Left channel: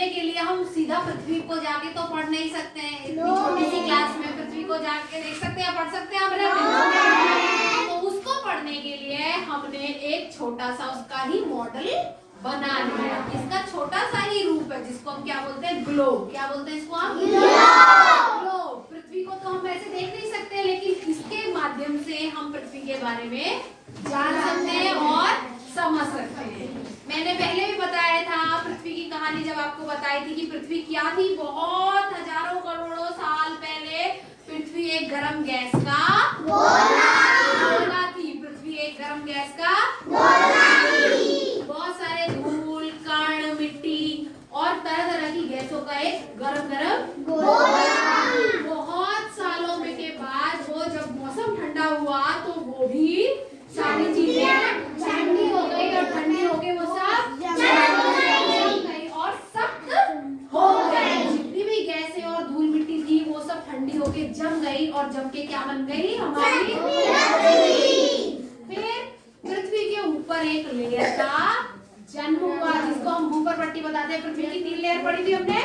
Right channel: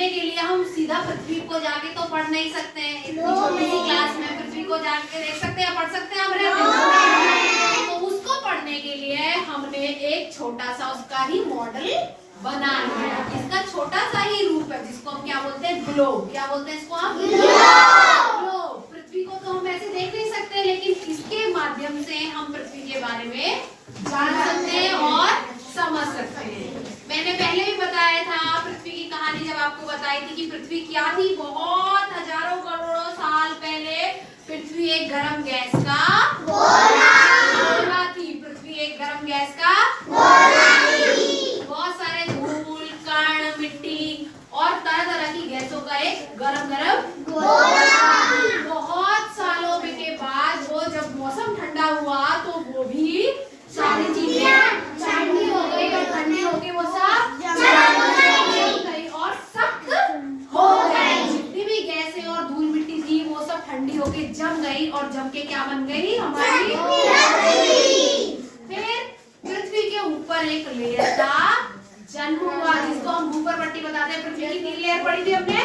पढ़ने के लिए हम सीधा पृथ्वी को जाके तो पढ़ नहीं सकते हैं। इतनी छोटी सी क्लास में पृथ्वी को जाके देख सकते हैं, पढ़ सकते हैं हमने। तो उसको पढ़ने के लिए हमने एक छोटा सा उसका ही मॉडल बना लिया। इसका छोटा सा ही रूप है जिसको हम क्या बोलते हैं, ग्लोब। क्या बोलते हैं इसको हम? ग्लोब। पृथ्वी को तो हम ऐसे देख नहीं सकते, लेकिन इसके माध्यम से हम पृथ्वी के बारे में जान सकते हैं और समझ सकते हैं। मैंने पहले भी बताया था पृथ्वी की कहानी, जब आपको बताई थी कि पृथ्वी क्या थी। बहुत हजारों करोड़ों साल पहले पृथ्वी एक गर्म गैस का गोला थी। पृथ्वी एक गर्म गैस का बहुत सारे धूल, कण, मिट्टी और तरह तरह की गैसों का एक गरम बहुत सालों में के बाद वो जब मौसम ठंडा हुआ तो वो भी सारी चीजें ठंडी हो गई, और ठंडी हो गई वो सब जम गई और सख्त हो गई। जितनी भी गैसें और धूल मिट्टी थी वो सब ठंडी होके जम गई, और जम के क्या बन गई? हमारी फिर पृथ्वी के ऊपर एक लेयर का जन्म हुआ, जिसको हम भूपर्पट्टी बताते हैं। पृथ्वी की 3 लेयर पड़ी थी हमने,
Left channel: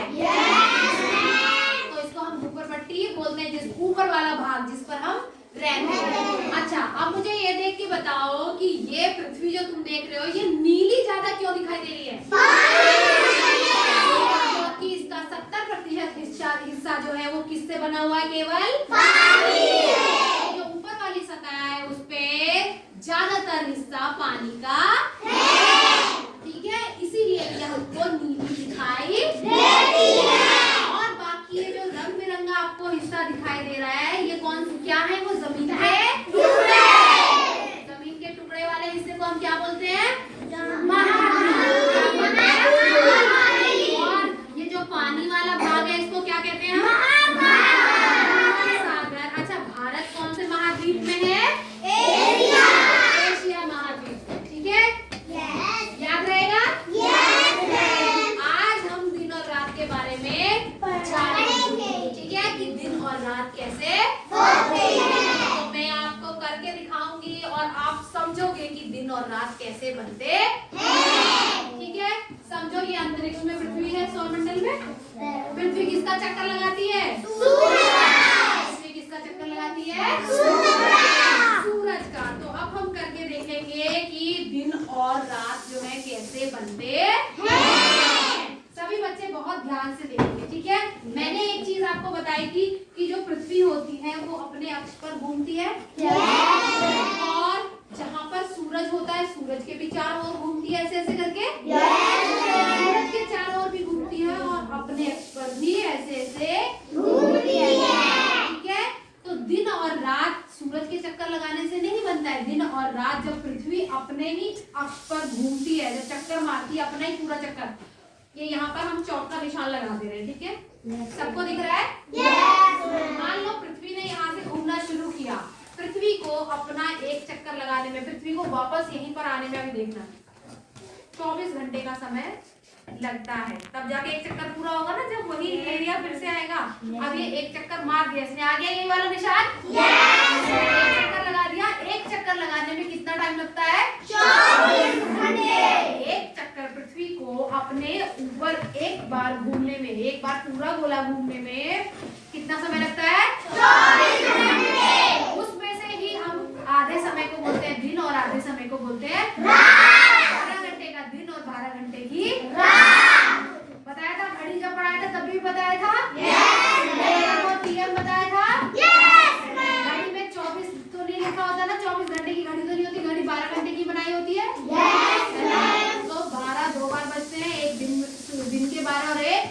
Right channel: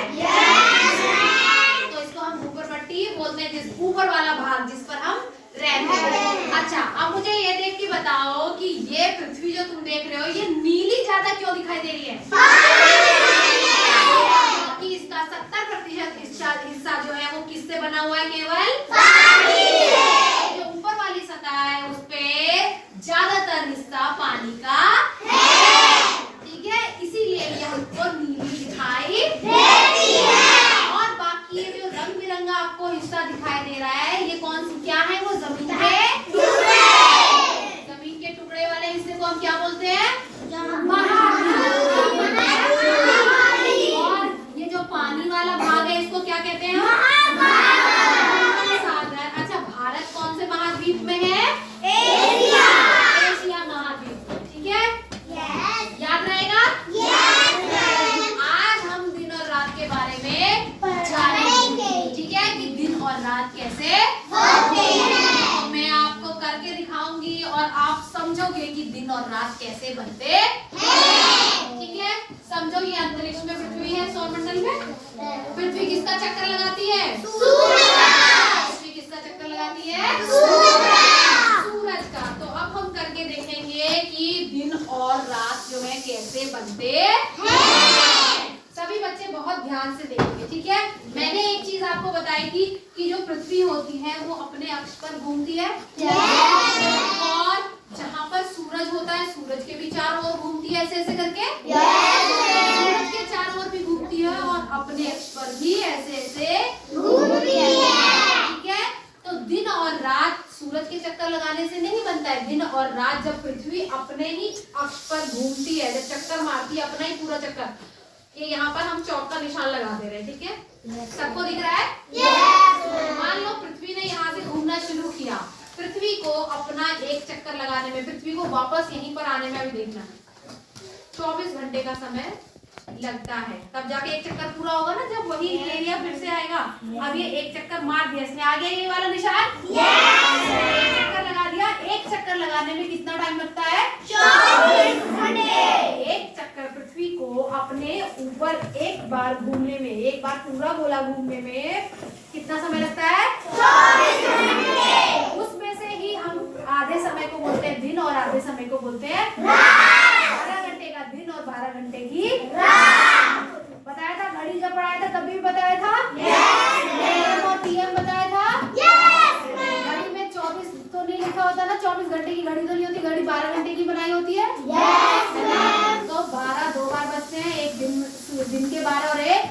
तो इसको हम भूपर्पट्टी बोलते हैं, जिस ऊपर वाला भाग जिस पर हम रहते हैं। अच्छा, अब मुझे ये देख के बताओ कि ये पृथ्वी जो तुम देख रहे हो ये नीली ज्यादा क्यों दिखाई दे रही है? क्योंकि इसका 70% हिस्सा जो है वो किससे बना हुआ है? केवल पानी से। जो ऊपर वाली सतह है उस पे ज्यादातर हिस्सा पानी का है, ठीक है, इसीलिए ये हमको नीली दिखाई देती है। और बाकी ये जो रंग बिरंगा आपको हिस्सा दिखाई दे रहा है, ये कौन सी क्या है? वो जमीन के टुकड़े। जमीन के टुकड़े वाले हिस्से को हम क्या बोलते हैं? और ये जो पानी वाला भाग है इसको क्या कहते हैं? महासागर। अच्छा, भारत कौन से महाद्वीप में है? एशिया महाद्वीप में, ठीक है, याद रहेगा। आज हम दिन और रात के बारे में जानेंगे, ठीक है, कि दिन और रात कैसे होते हैं। तो मैं आपको करके दिखाऊंगी और आप समझोगे कि दिन और रात कैसे बनते हैं, ठीक है। समझो, ये अंतरिक्ष में पृथ्वी है, सौरमंडल में पृथ्वी किसका चक्कर लगाती है? पृथ्वी किसका चक्कर लगाती है? सूरज का। तो अब हम करके देखेंगे कि दिन और रात जो है कैसे बनते हैं। सभी बच्चे बहुत ध्यान से देखेंगे, ठीक है। मैंने एक चीज आपको बताई थी कि जो पृथ्वी होती है वो अपने अक्ष पर घूमती है, और जहाँ पर सूरज होता है सूरज के भी चारों ओर घूमती है, ऐसे ऐसे करके सूरज के चारों ओर भी घूमती है, और अपने अक्ष पर भी ऐसे ऐसे घूमती है, ठीक है। तो दिन और रात सूरज के चक्कर लगाने से नहीं बनता है। दिन और रात जब पृथ्वी अपने ही अक्ष पर घूमती है, जब चक्कर मारती है अपना ही पूरा चक्कर, ये यहाँ पर हम चौक का निशान लगा दे रहे हैं, ठीक है, सबको दिख रहा है? मान लो पृथ्वी ने यहाँ से घूमना शुरू किया, पृथ्वी को अपना एक चक्कर लगाने में, पृथ्वी को वापस यहीं पर आने में, अभी देखना 24 घंटे का समय लगता है, तब जाके एक चक्कर पूरा होगा ना, जब वही एरिया फिर से आएगा। अब ये एक चक्कर मार दिया इसने, आ गया ये वाला निशान, एक चक्कर लगा दिया। एक चक्कर लगाने में कितना टाइम लगता है? 24 घंटे। एक चक्कर पृथ्वी को अपने ऊपर एक बार घूमने में, एक बार पूरा गोला घूमने में कितना समय लगता है? 24 घंटे। उसमें से ही हम आधे समय को बोलते हैं दिन और आधे समय को बोलते हैं रात। 12 घंटे का दिन और 12 घंटे की रात। बताया था, घड़ी जब पढ़ाया था तब भी बताया था, और पीएम बताया था। घड़ी में 24 तो नहीं लिखा होता ना, 24 घंटे की घड़ी तो नहीं होती, घड़ी 12 घंटे की बनाई होती है। तो 12 दो बार बचते हैं, एक दिन के 12 और एक